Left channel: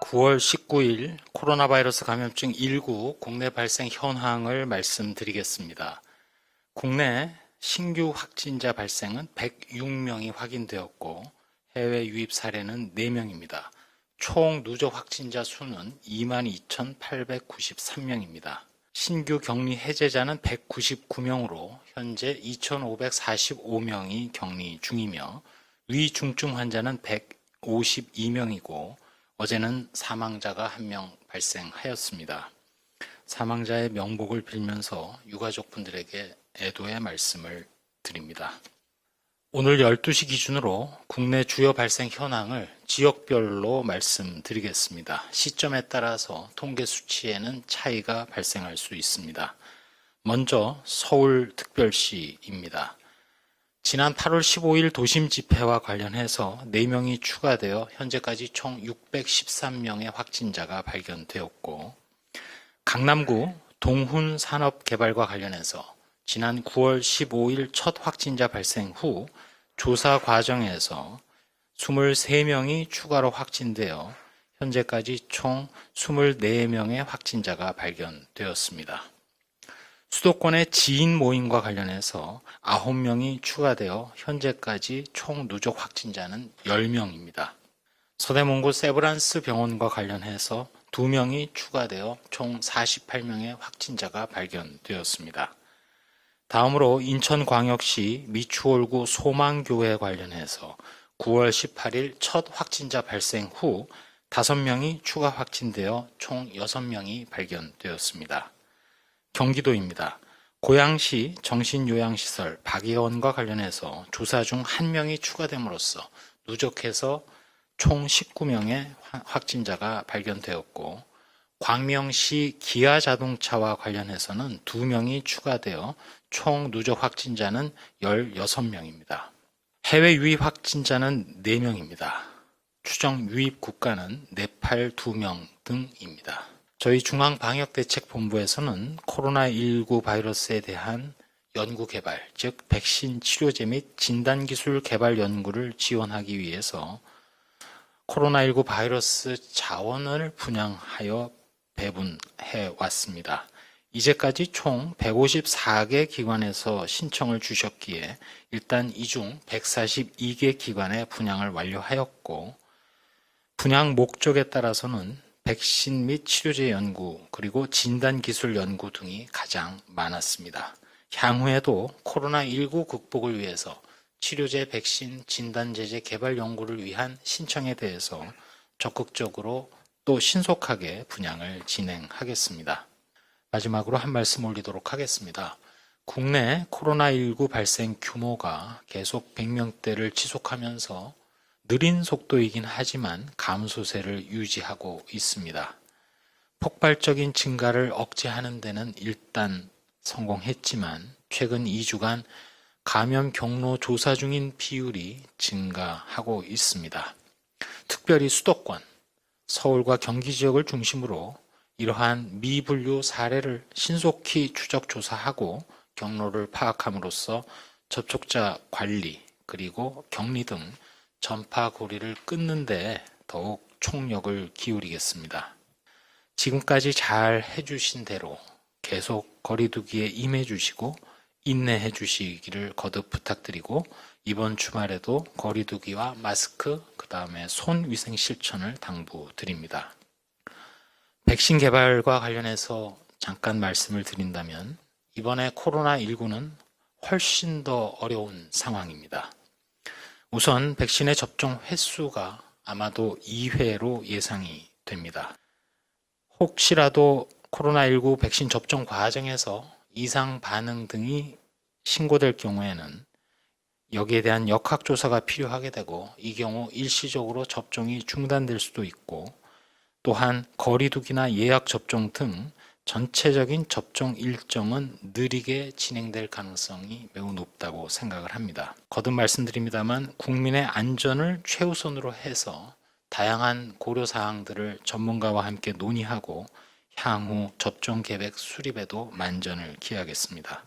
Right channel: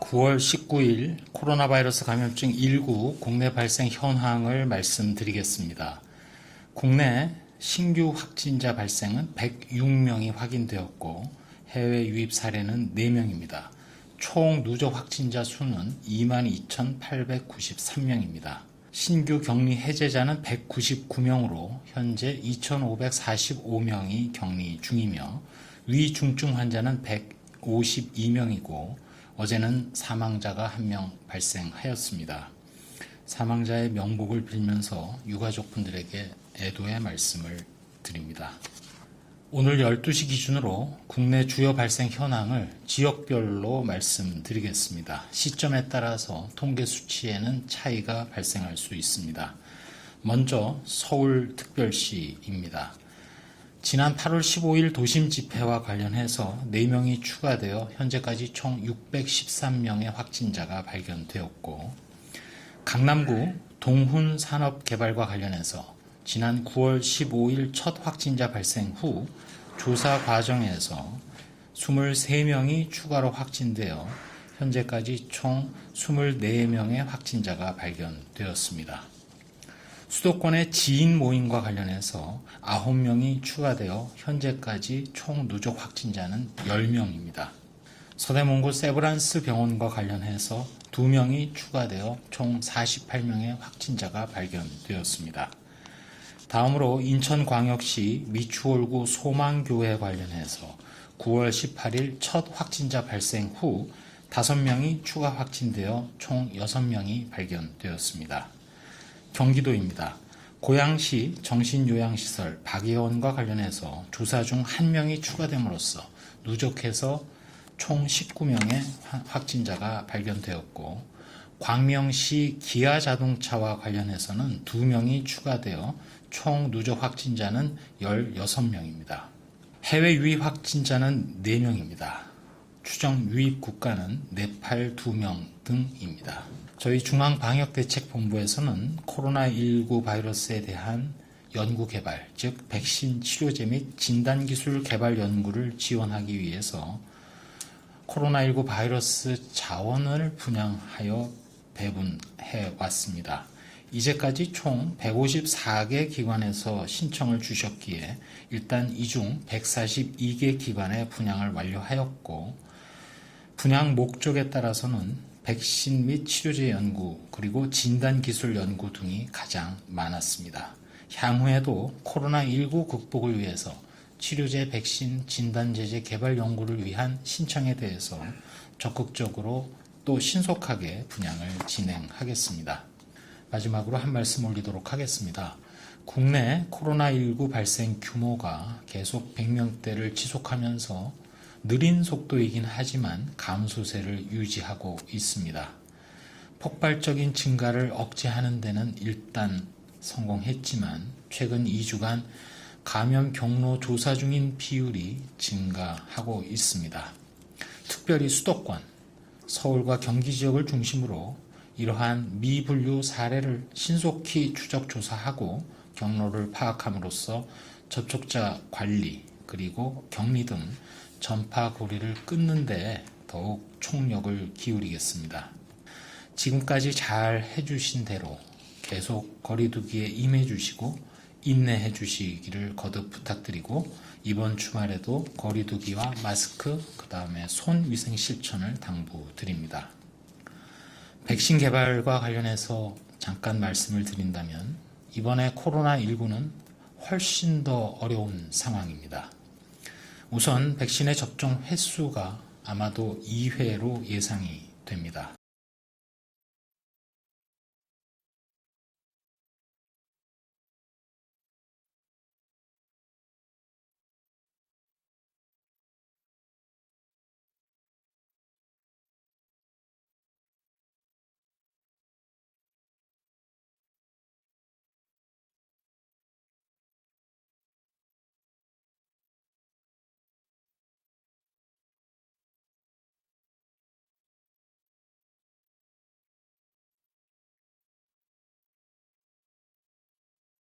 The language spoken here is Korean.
(9월 19일) 코로나 바이러스 감염증 19 국내 발생 현황을 말씀드리겠습니다. 국내 신규 확진자 발생은 106명이 확인되었고 해외 유입 사례는 4명입니다. 총 누적 확진자 수는 22,893명입니다. 신규 격리 해제자는 199명으로 현재 2,545명이 격리 중이며 위중증 환자는 152명이고 어제는 사망자가 1명 발생하였습니다. 사망자의 명복을 빌면서 유가족분들에게 애도의 말씀을 드립니다. 오늘 12시 기준으로 국내 주요 발생 현황을 지역별로 말씀드리겠습니다. 시점에 따라서 통계 수치에는 차이가 발생할 수 있습니다. 먼저 서울특별시입니다. 지난 8월 15일 도심 집회와 관련해서 4명이 추가되어 현재까지 총 613명의 확진자가 발견되었고, 강남구 동훈 산업개발과 관련해서 지난 9월 15일 첫 확진자 발생 후 조사 과정에서 23명이 추가로 확진되어 현재까지 총 24명의 확진자가 발견되었습니다. 수도권의 지인 모임과 관련해서 9명이 추가되어 현재까지 총 누적 확진자는 10명입니다. 서대문구 세브란스 병원과 관련해서 2명이 추가되어 총 48명의 확진자가 발견되었습니다. 다음으로 인천광역시 미추홀구 소망교회 관련해서 9월 18일 첫 확진자 발생 후 5명이 추가 확진되어 총 6명이 발견되었습니다. 경기도입니다. 고양시 정신요양시설 박예원과 관련해서 조사 중 1명이 추가됨으로써 누적해서 총 19명의 확진자가 발견되었고, 광명시 기아자동차와 관련해서는 2명이 추가되어 총 누적 확진자는 16명입니다. 해외 유입 확진자는 4명입니다. 추정 유입 국가는 네팔 2명 등입니다. 저희 중앙방역대책본부에서는 코로나19 바이러스에 대한 연구 개발, 즉 백신 치료제 및 진단기술 개발 연구를 지원하기 위해서 코로나19 바이러스 자원을 분양하여 배분해 왔습니다. 이제까지 총 154개 기관에서 신청을 주셨기에 일단 이 중 142개 기관에 분양을 완료하였고, 분양 목적에 따라서는 백신 및 치료제 연구 그리고 진단기술 연구 등이 가장 많았습니다. 향후에도 코로나19 극복을 위해서 치료제, 백신, 진단제제 개발 연구를 위한 신청에 대해서 적극적으로 또 신속하게 분양을 진행하겠습니다. 마지막으로 한 말씀 올리도록 하겠습니다. 국내 코로나19 발생 규모가 계속 100명대를 지속하면서 느린 속도이긴 하지만 감소세를 유지하고 있습니다. 폭발적인 증가를 억제하는 데는 일단 성공했지만 최근 2주간 감염 경로 조사 중인 비율이 증가하고 있습니다. 특별히 수도권, 서울과 경기 지역을 중심으로 이러한 미분류 사례를 신속히 추적 조사하고 경로를 파악함으로써 접촉자 관리 그리고 격리 등 전파 고리를 끊는 데 더욱 총력을 기울이겠습니다. 지금까지 잘 해주신 대로 계속 거리두기에 임해주시고 인내해주시기를 거듭 부탁드리고, 이번 주말에도 거리두기와 마스크, 그 다음에 손위생 실천을 당부드립니다. 백신 개발과 관련해서 잠깐 말씀을 드린다면 이번에 코로나19는 훨씬 더 어려운 상황입니다. 우선 백신의 접종 횟수가 아마도 2회로 예상이 됩니다. 혹시라도 코로나19 백신 접종 과정에서 이상 반응 등이 신고될 경우에는 여기에 대한 역학조사가 필요하게 되고, 이 경우 일시적으로 접종이 중단될 수도 있고, 또한 거리두기나 예약 접종 등 전체적인 접종 일정은 느리게 진행될 가능성이 매우 높다고 생각을 합니다. 거듭 말씀드립니다만 국민의 안전을 최우선으로 해서 다양한 고려사항들을 전문가와 함께 논의하고 향후 접종 계획 수립에도 만전을 기하겠습니다.